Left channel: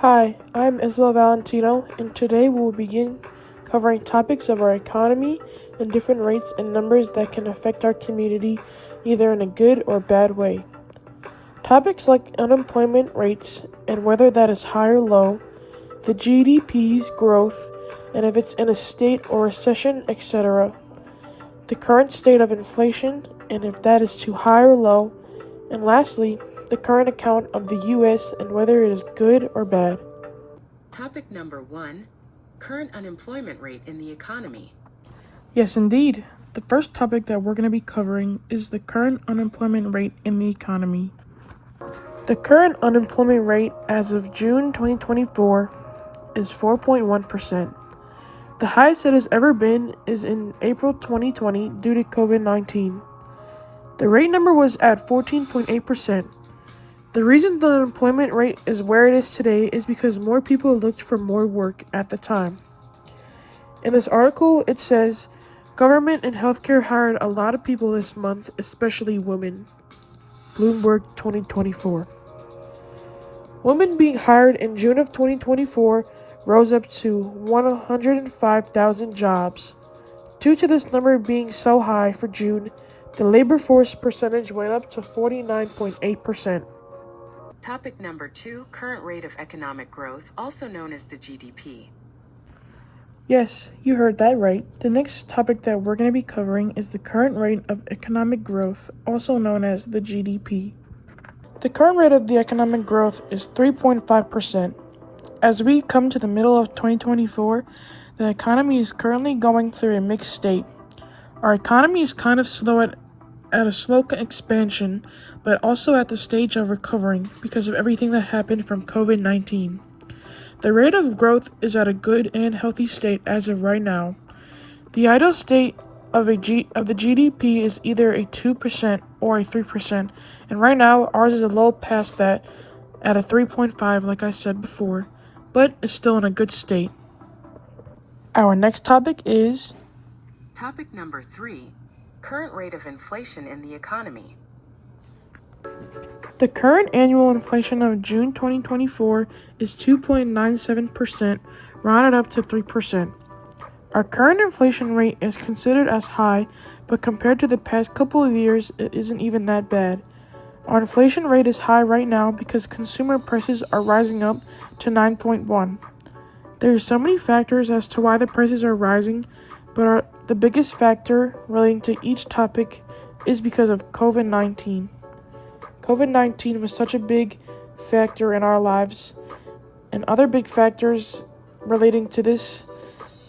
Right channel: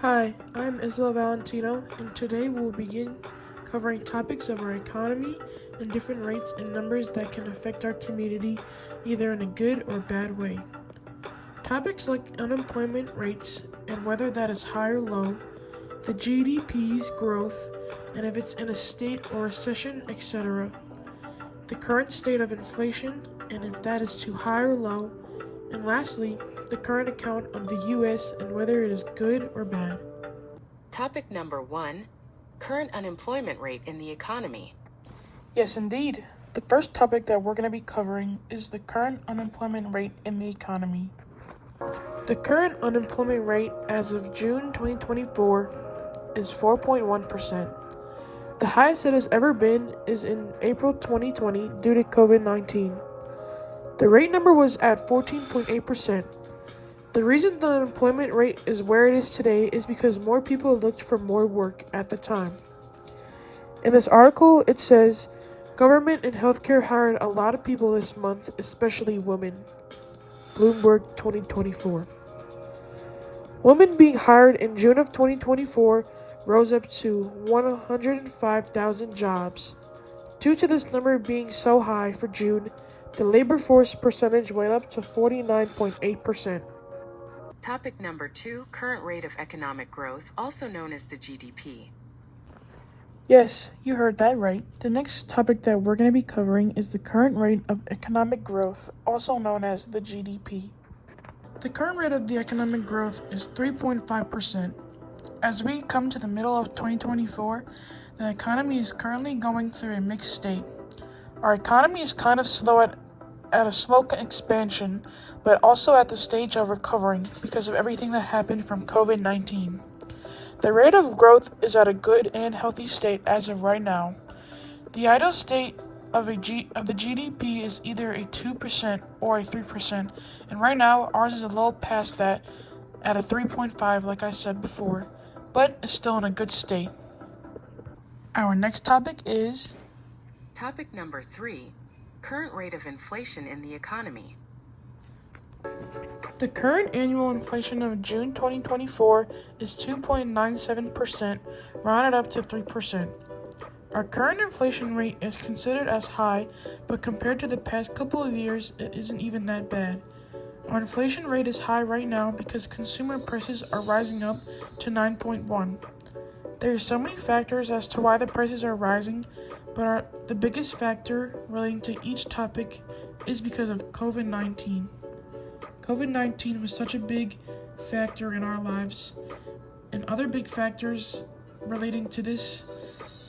Hi, I'm Isabel Valentino, and today we will begin covering topics of our economy and different rates and numbers that can affect our community either in a good or bad way. Topics like unemployment rates and whether that is high or low, the GDP's growth, and if it's in a state or recession, etc., the current state of inflation, and if that is too high or low, and lastly, the current account of the US and whether it is good or bad. Topic number 1, current unemployment rate in the economy. Yes, indeed. The first topic that we're going to be covering is the current unemployment rate in the economy. The current unemployment rate as of June 2024 is 4.1%. The highest it has ever been is in April 2020 due to COVID-19. The rate number was at 14.8%. The reason the unemployment rate is where it is today is because more people looked for more work at the time. In this article, it says, government and healthcare hired a lot of people this month, especially women. Bloomberg 2024. Women being hired in June of 2024 rose up to 105,000 jobs. Due to this number being so high for June, the labor force percentage went up to 49.8%. Topic number 2, current rate of economic growth, also known as the GDP. Yes, you heard that right. The next topic that we're going to be covering is the current rate of economic growth, also known as the GDP. The current rate of the economic growth is 3.5%. As we come to the middle of 2024, the economy is currently going through a mixed state. Our economy is kind of slow at a slow expansion, but also at the stage of recovering because of everything that happened from COVID-19. The rate of growth is at a good and healthy state as of right now. The ideal state of the GDP is either a 2% or a 3%, and right now ours is a little past that at a 3.5 like I said before, but it's still in a good state. Our next topic is Topic number 3, current rate of inflation in the economy. the current annual inflation of June 2024 is 2.97%, rounded up to 3%. Our current inflation rate is considered as high, but compared to the past couple of years, it isn't even that bad. Our inflation rate is high right now because consumer prices are rising up to 9.1. There are so many factors as to why the prices are rising, but the biggest factor relating to each topic is because of COVID-19. COVID-19 was such a big factor in our lives, and other big factors relating to this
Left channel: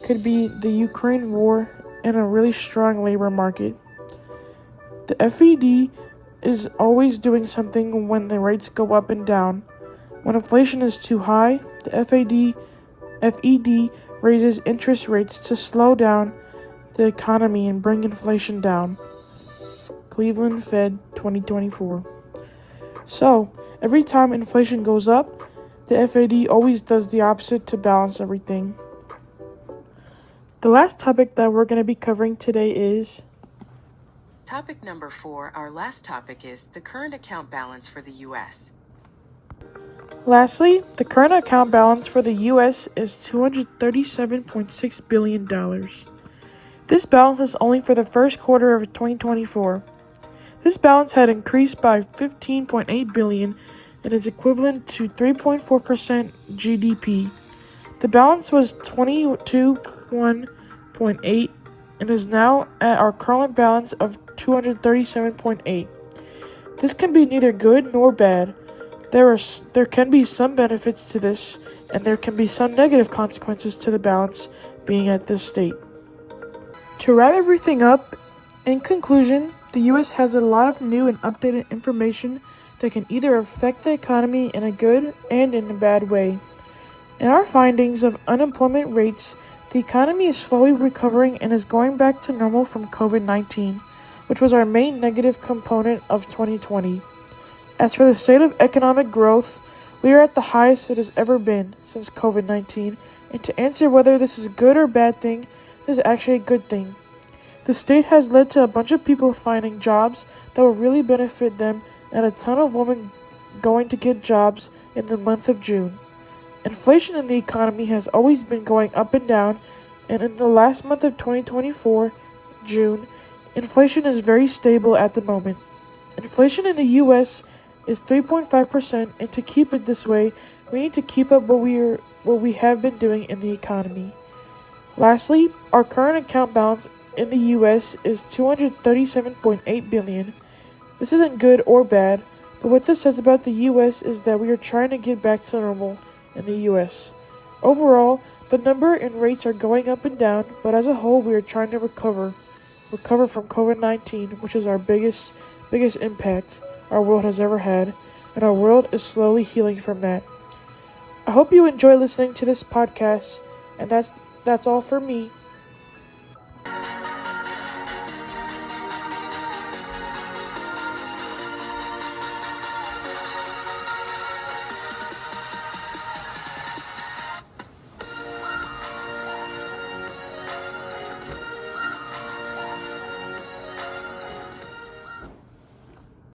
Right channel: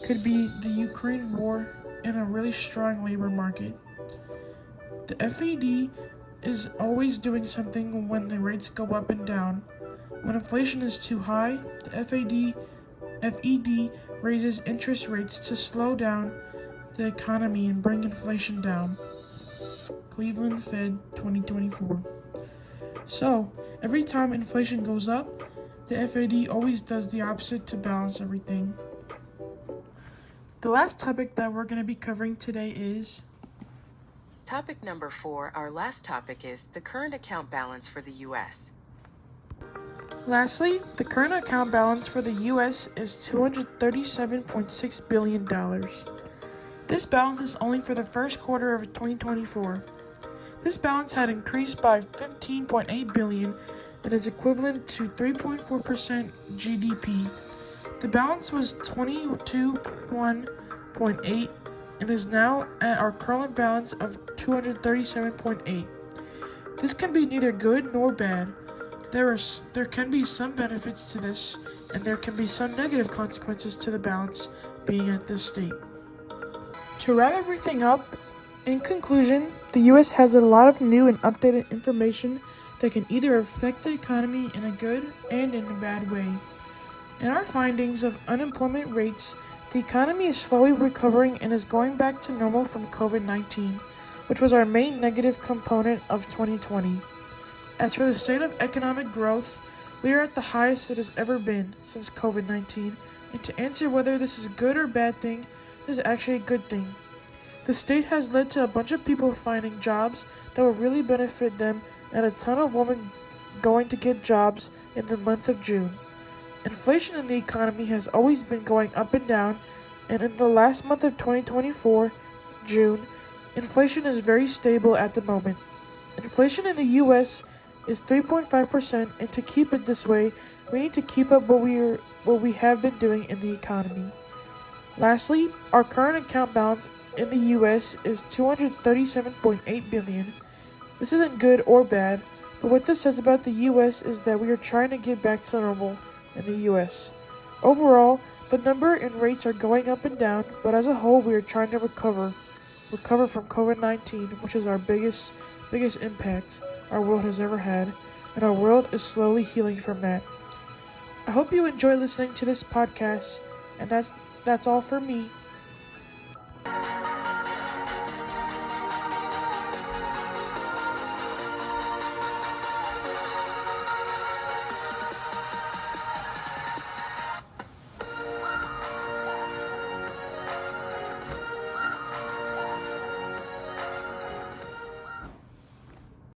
could be the Ukraine war and a really strong labor market. The FED is always doing something when the rates go up and down. When inflation is too high, the FED raises interest rates to slow down the economy and bring inflation down. Cleveland Fed 2024. So, every time inflation goes up, the FED always does the opposite to balance everything. The last topic that we're going to be covering today is Topic number 4, our last topic is the current account balance for the U.S. Lastly, the current account balance for the U.S. is $237.6 billion. This balance is only for the first quarter of 2024. This balance had increased by $15.8 billion and is equivalent to 3.4% GDP. The balance was 22.1.8 and is now at our current balance of 237.8. This can be neither good nor bad. There can be some benefits to this, and there can be some negative consequences to the balance being at this state. To wrap everything up, in conclusion, the U.S. has a lot of new and updated information that can either affect the economy in a good and in a bad way. In our findings of unemployment rates, the economy is slowly recovering and is going back to normal from COVID-19, which was our main negative component of 2020. As for the state of economic growth, we are at the highest it has ever been since COVID-19, and to answer whether this is a good or bad thing, this is actually a good thing. The state has led to a bunch of people finding jobs that will really benefit them and a ton of women going to get jobs in the month of June. Inflation in the economy has always been going up and down, and in the last month of 2024, June, inflation is very stable at the moment. Inflation in the US is 3.5%, and to keep it this way, we need to keep up what we have been doing in the economy. Lastly, our current account balance in the US is $237.8 billion. This isn't good or bad, but what this says about the US is that we are trying to get back to normal in the US. Overall, the number and rates are going up and down, but as a whole, we are trying to recover from COVID-19, which is our biggest impact our world has ever had, and our world is slowly healing from that. I hope you enjoy listening to this podcast, and that's all for me.